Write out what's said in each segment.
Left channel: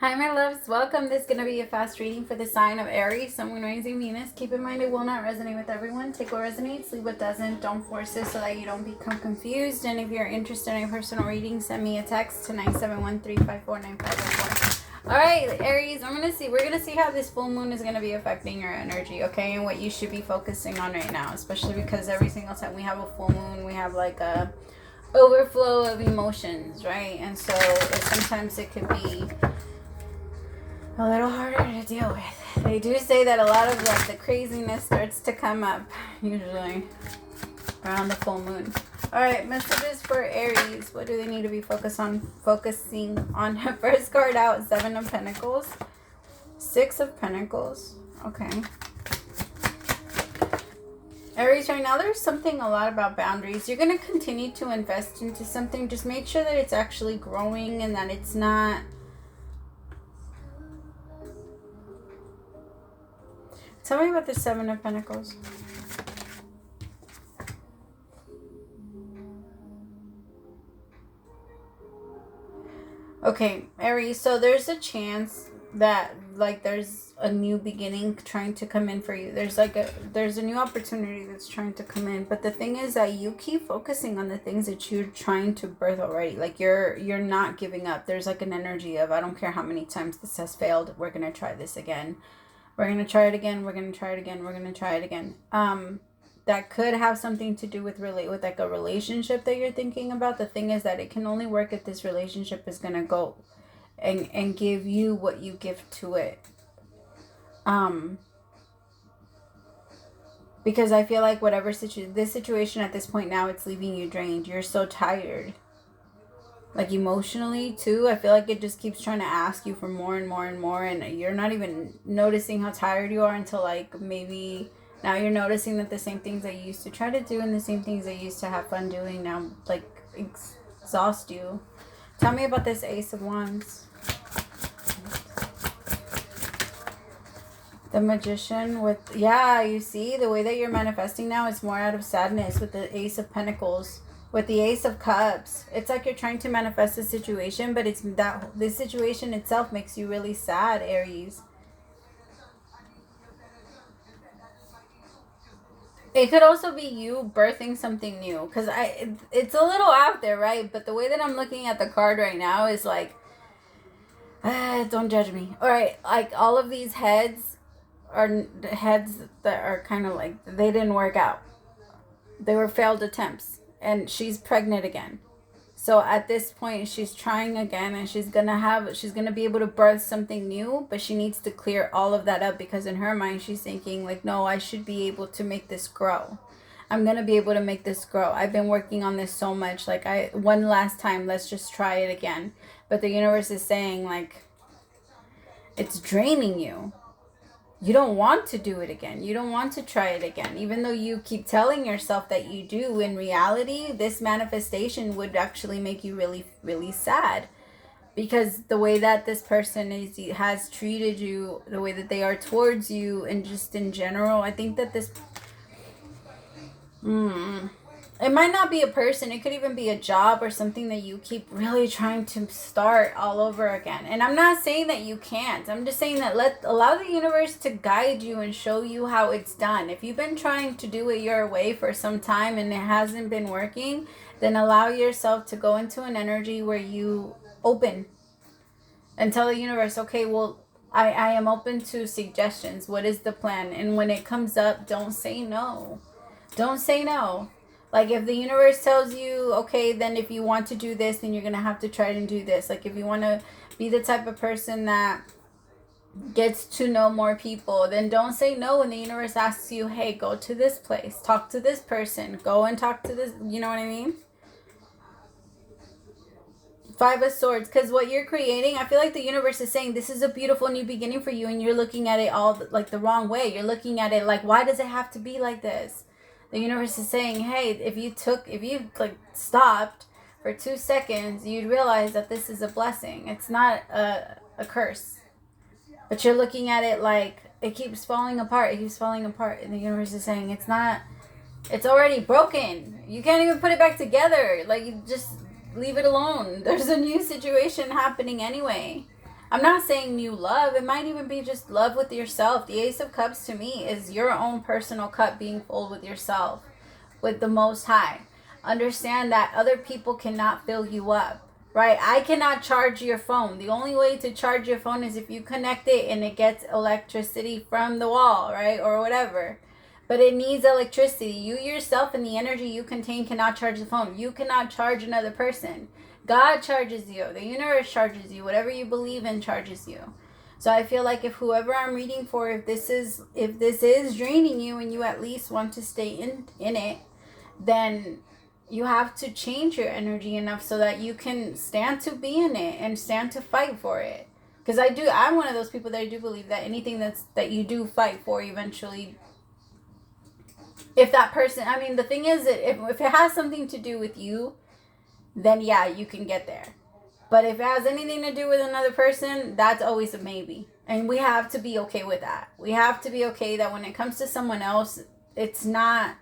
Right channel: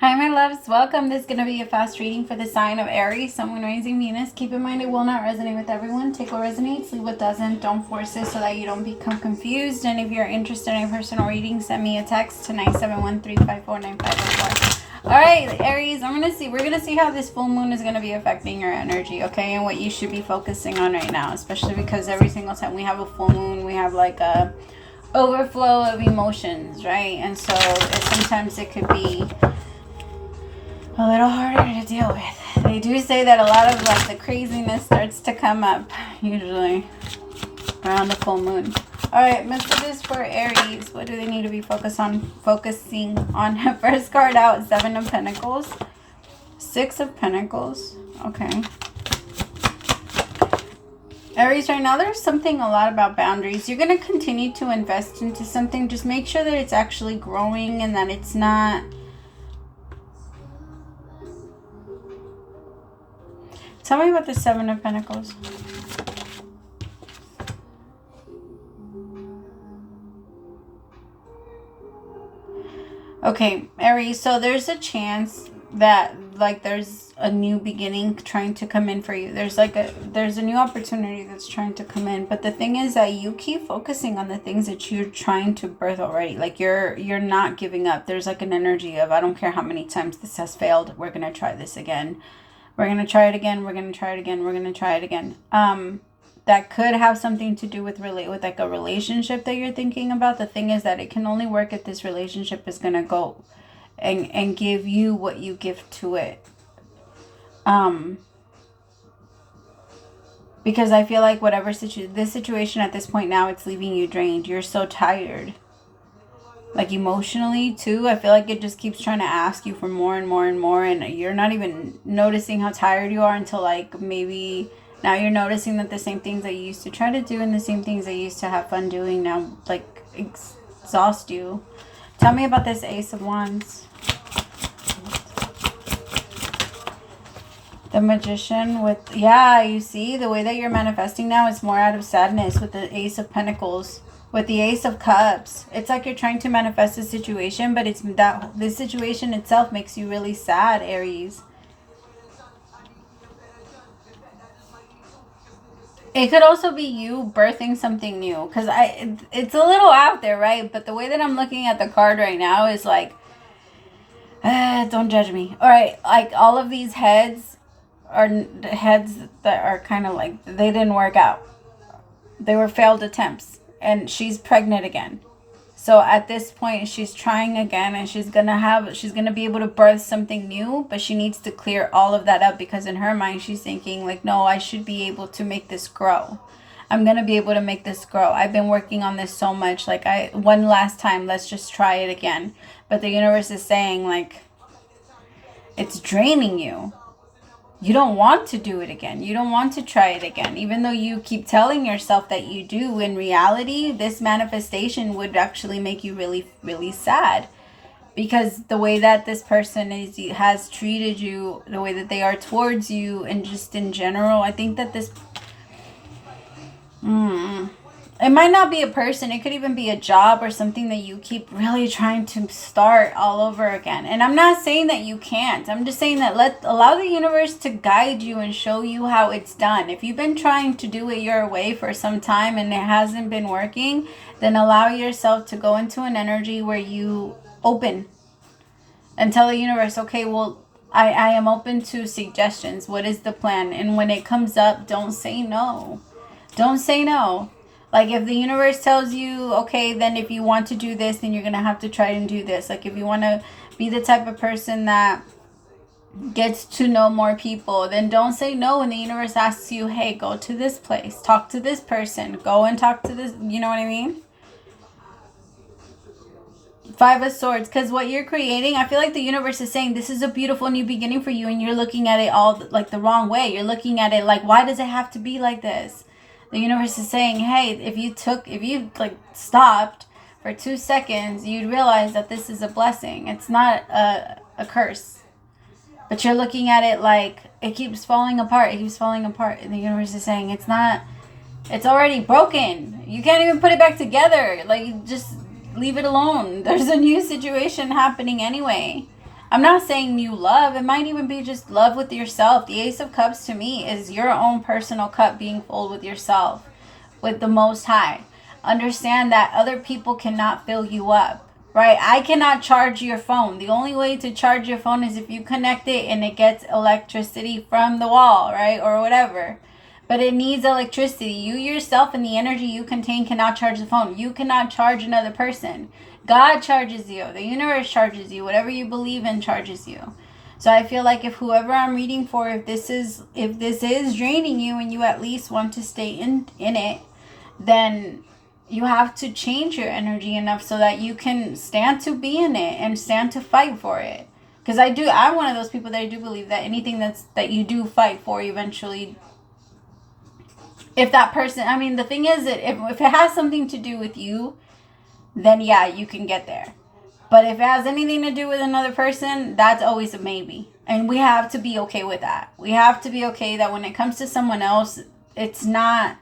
Hi, my loves. Welcome. This is going to be a fast reading for the sign of Aries, Sun, Moon, Rising, Venus. Keep in mind it will not resonate with everyone. Take what resonates, leave what doesn't. Don't force it so that you don't become confused. And if you're interested in a personal reading, send me a text to 971-354-9504. All right, Aries, we're going to see how this full moon is going to be affecting your energy, okay? And what you should be focusing on right now, especially because every single time we have a full moon, we have like a overflow of emotions, right? And so sometimes it could be a little harder to deal with. They do say that a lot of like the craziness starts to come up usually around the full moon. All right, messages for Aries. What do they need to be focusing on? First card out, 7 of Pentacles, 6 of Pentacles. Okay. Aries, right now there's something a lot about boundaries. You're going to continue to invest into something. Just make sure that it's actually growing and that it's not... Tell me about the 7 of Pentacles. Okay, Aries, so there's a chance that like there's a new beginning trying to come in for you. There's a new opportunity that's trying to come in. But the thing is that you keep focusing on the things that you're trying to birth already. Like you're not giving up. There's like an energy of, I don't care how many times this has failed, we're going to try this again. We're going to try it again. We're going to try it again. We're going to try it again. That could have something to do with like a relationship that you're thinking about. The thing is that it can only work if this relationship is going to go and give you what you give to it. Because I feel like whatever this situation at this point now, it's leaving you drained. You're so tired. Like emotionally too, I feel like it just keeps trying to ask you for more and more and more, and you're not even noticing how tired you are until like maybe now you're noticing that the same things that you used to try to do and the same things that you used to have fun doing now like exhaust you. Tell me about this Ace of Wands. The Magician with, yeah, you see the way that you're manifesting now is more out of sadness with the Ace of Pentacles. With the Ace of Cups, it's like you're trying to manifest a situation, but it's that this situation itself makes you really sad, Aries. It could also be you birthing something new, because it's a little out there, right? But the way that I'm looking at the card right now is like, don't judge me. All right, like all of these heads are heads that are kind of like, they didn't work out. They were failed attempts. And she's pregnant again. So at this point, she's trying again, and she's gonna be able to birth something new, but she needs to clear all of that up, because in her mind, she's thinking like, no, I should be able to make this grow. I'm gonna be able to make this grow. I've been working on this so much. Like one last time, let's just try it again. But the universe is saying like, it's draining you. You don't want to do it again. You don't want to try it again. Even though you keep telling yourself that you do, in reality, this manifestation would actually make you really, really sad. Because the way that this person has treated you, the way that they are towards you, and just in general, I think that this... It might not be a person. It could even be a job or something that you keep really trying to start all over again. And I'm not saying that you can't. I'm just saying that allow the universe to guide you and show you how it's done. If you've been trying to do it your way for some time and it hasn't been working, then allow yourself to go into an energy where you open and tell the universe, okay, well, I am open to suggestions. What is the plan? And when it comes up, don't say no. Don't say no. Like if the universe tells you, okay, then if you want to do this, then you're going to have to try and do this. Like if you want to be the type of person that gets to know more people, then don't say no when the universe asks you, hey, go to this place, talk to this person, go and talk to this, you know what I mean? 5 of Swords, because what you're creating, I feel like the universe is saying this is a beautiful new beginning for you, and you're looking at it all like the wrong way. You're looking at it like, why does it have to be like this? The universe is saying, hey, if you like stopped for 2 seconds, you'd realize that this is a blessing. It's not a curse. But you're looking at it like it keeps falling apart. It keeps falling apart. And the universe is saying it's already broken. You can't even put it back together. Like, just leave it alone. There's a new situation happening anyway. I'm not saying new love. It might even be just love with yourself. The Ace of Cups to me is your own personal cup being full with yourself, with the Most High. Understand that other people cannot fill you up, right? I cannot charge your phone. The only way to charge your phone is if you connect it and it gets electricity from the wall, right? Or whatever. But it needs electricity. You yourself and the energy you contain cannot charge the phone. You cannot charge another person. God charges you. The universe charges you. Whatever you believe in charges you. So I feel like if whoever I'm reading for, if this is draining you and you at least want to stay in it, then you have to change your energy enough so that you can stand to be in it and stand to fight for it. Because I'm one of those people that I do believe that anything that you do fight for eventually, if that person, I mean, the thing is that if it has something to do with you, then yeah, you can get there. But if it has anything to do with another person, that's always a maybe. And we have to be okay with that. We have to be okay that when it comes to someone else, it's not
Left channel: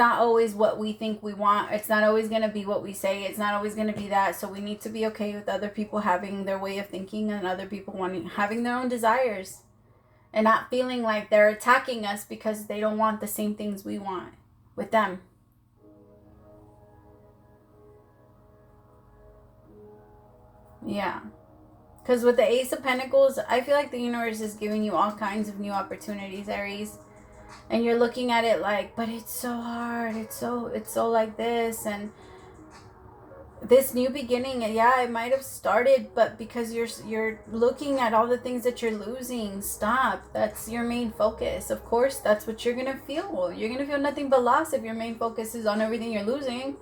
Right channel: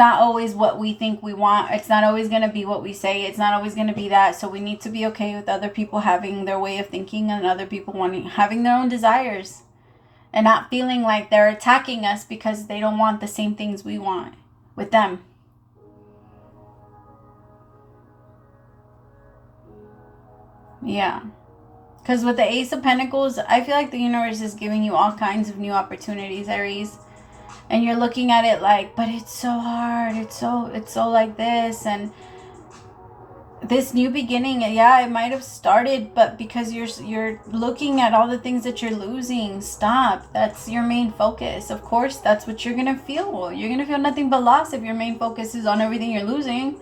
always what we think we want. It's not always going to be what we say. It's not always going to be that. So we need to be okay with other people having their way of thinking and other people having their own desires. And not feeling like they're attacking us because they don't want the same things we want with them. Yeah. Because with the Ace of Pentacles, I feel like the universe is giving you all kinds of new opportunities, Aries. And you're looking at it like, but it's so hard. It's so like this. And this new beginning, yeah, it might have started, but because you're looking at all the things that you're losing, stop. That's your main focus. Of course, that's what you're going to feel. You're going to feel nothing but loss if your main focus is on everything you're losing.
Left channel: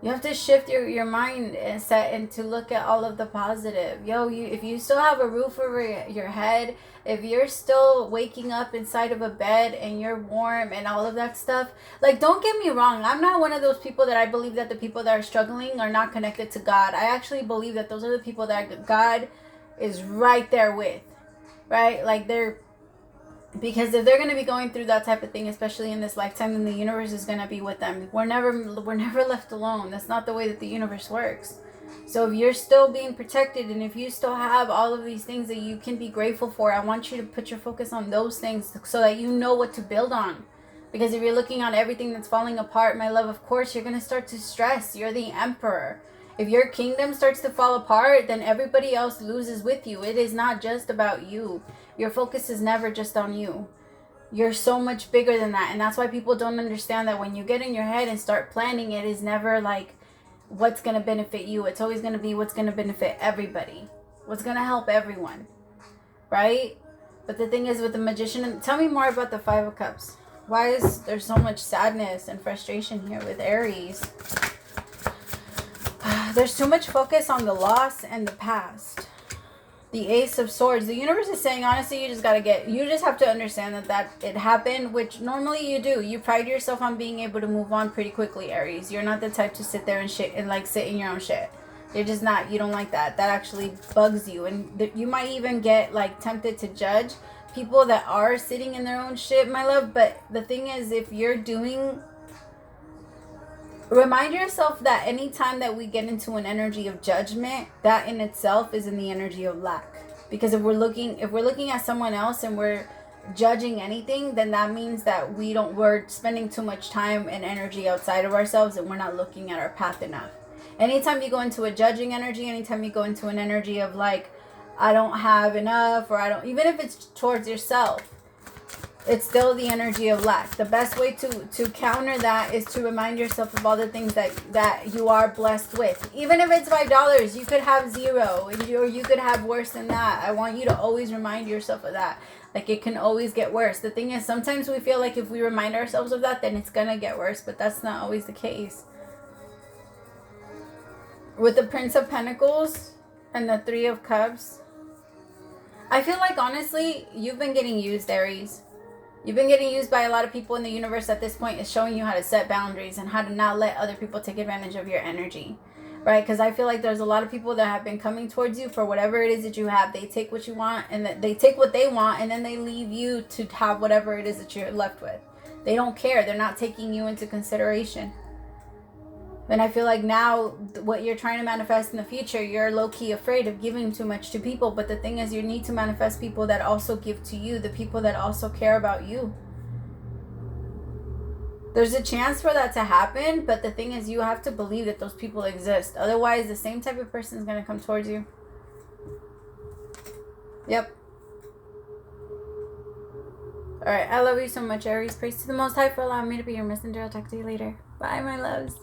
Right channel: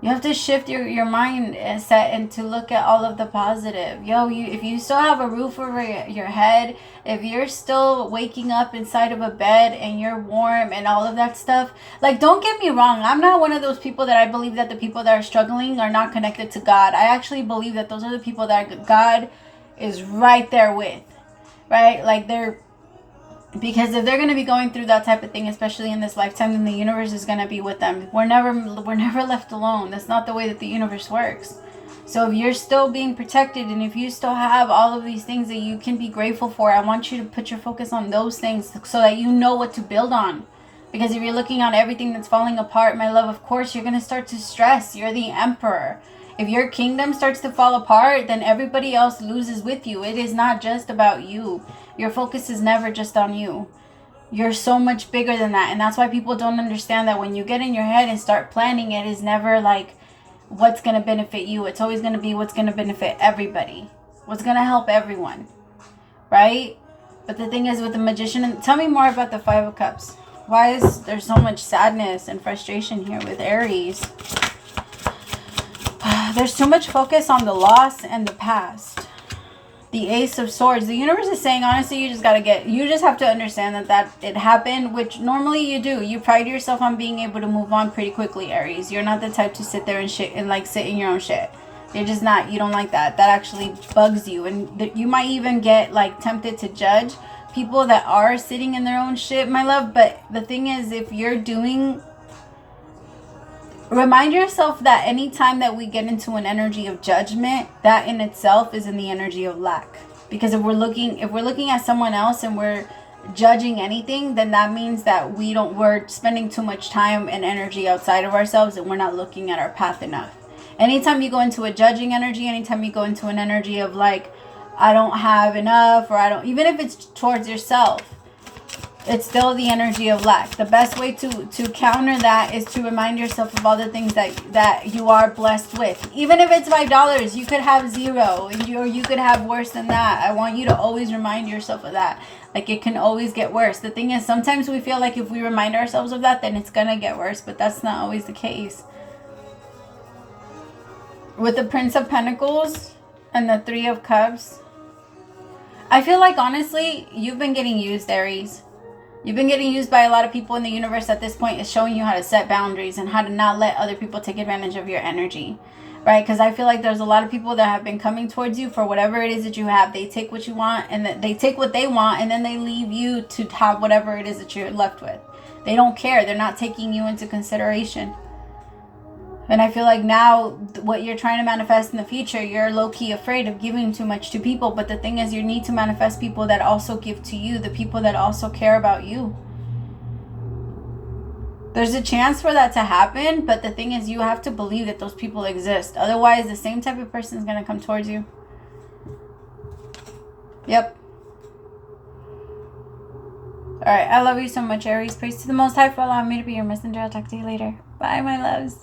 You have to shift your mind and set and to look at all of the positive. If you still have a roof over your head, if you're still waking up inside of a bed and you're warm and all of that stuff, like, don't get me wrong. I'm not one of those people that I believe that the people that are struggling are not connected to God. I actually believe that those are the people that God is right there with, right? Like, because if they're going to be going through that type of thing, especially in this lifetime, then the universe is going to be with them. We're never left alone. That's not the way that the universe works. So if you're still being protected and if you still have all of these things that you can be grateful for, I want you to put your focus on those things so that you know what to build on. Because if you're looking at everything that's falling apart, my love, of course, you're going to start to stress. You're the emperor. If your kingdom starts to fall apart, then everybody else loses with you. It is not just about you. Your focus is never just on you. You're so much bigger than that. And that's why people don't understand that when you get in your head and start planning, it is never like what's going to benefit you. It's always going to be what's going to benefit everybody. What's going to help everyone. Right? But the thing is with the Magician, tell me more about the Five of Cups. Why is there so much sadness and frustration here with Aries? There's too much focus on the loss and the past. The Ace of Swords. The universe is saying, honestly, you just have to understand that it happened, which normally you do. You pride yourself on being able to move on pretty quickly, Aries. You're not the type to sit there and sit in your own shit. You're just not. You don't like that. That actually bugs you. And you might even get like tempted to judge people that are sitting in their own shit, my love. But the thing is, if you're remind yourself that anytime that we get into an energy of judgment, that in itself is in the energy of lack. Because if we're looking at someone else and we're judging anything, then that means that we're spending too much time and energy outside of ourselves and we're not looking at our path enough. Anytime you go into a judging energy, anytime you go into an energy of like, I don't have enough, or even if it's towards yourself, it's still the energy of lack. The best way to counter that is to remind yourself of all the things that you are blessed with. Even if it's $5, you could have 0, or you could have worse than that. I want you to always remind yourself of that. Like, it can always get worse. The thing is, sometimes we feel like if we remind ourselves of that, then it's going to get worse. But that's not always the case. With the Prince of Pentacles and the Three of Cups, I feel like, honestly, you've been getting used, Aries. You've been getting used by a lot of people in the universe at this point. Is showing you how to set boundaries and how to not let other people take advantage of your energy, right? Because I feel like there's a lot of people that have been coming towards you for whatever it is that you have. They take what you want and they take what they want, and then they leave you to have whatever it is that you're left with. They don't care. They're not taking you into consideration. And I feel like now what you're trying to manifest in the future, you're low-key afraid of giving too much to people. But the thing is, you need to manifest people that also give to you, the people that also care about you. There's a chance for that to happen, but the thing is, you have to believe that those people exist. Otherwise, the same type of person is going to come towards you. Yep. Alright, I love you so much, Aries. Praise to the Most High for allowing me to be your messenger. I'll talk to you later. Bye, my loves.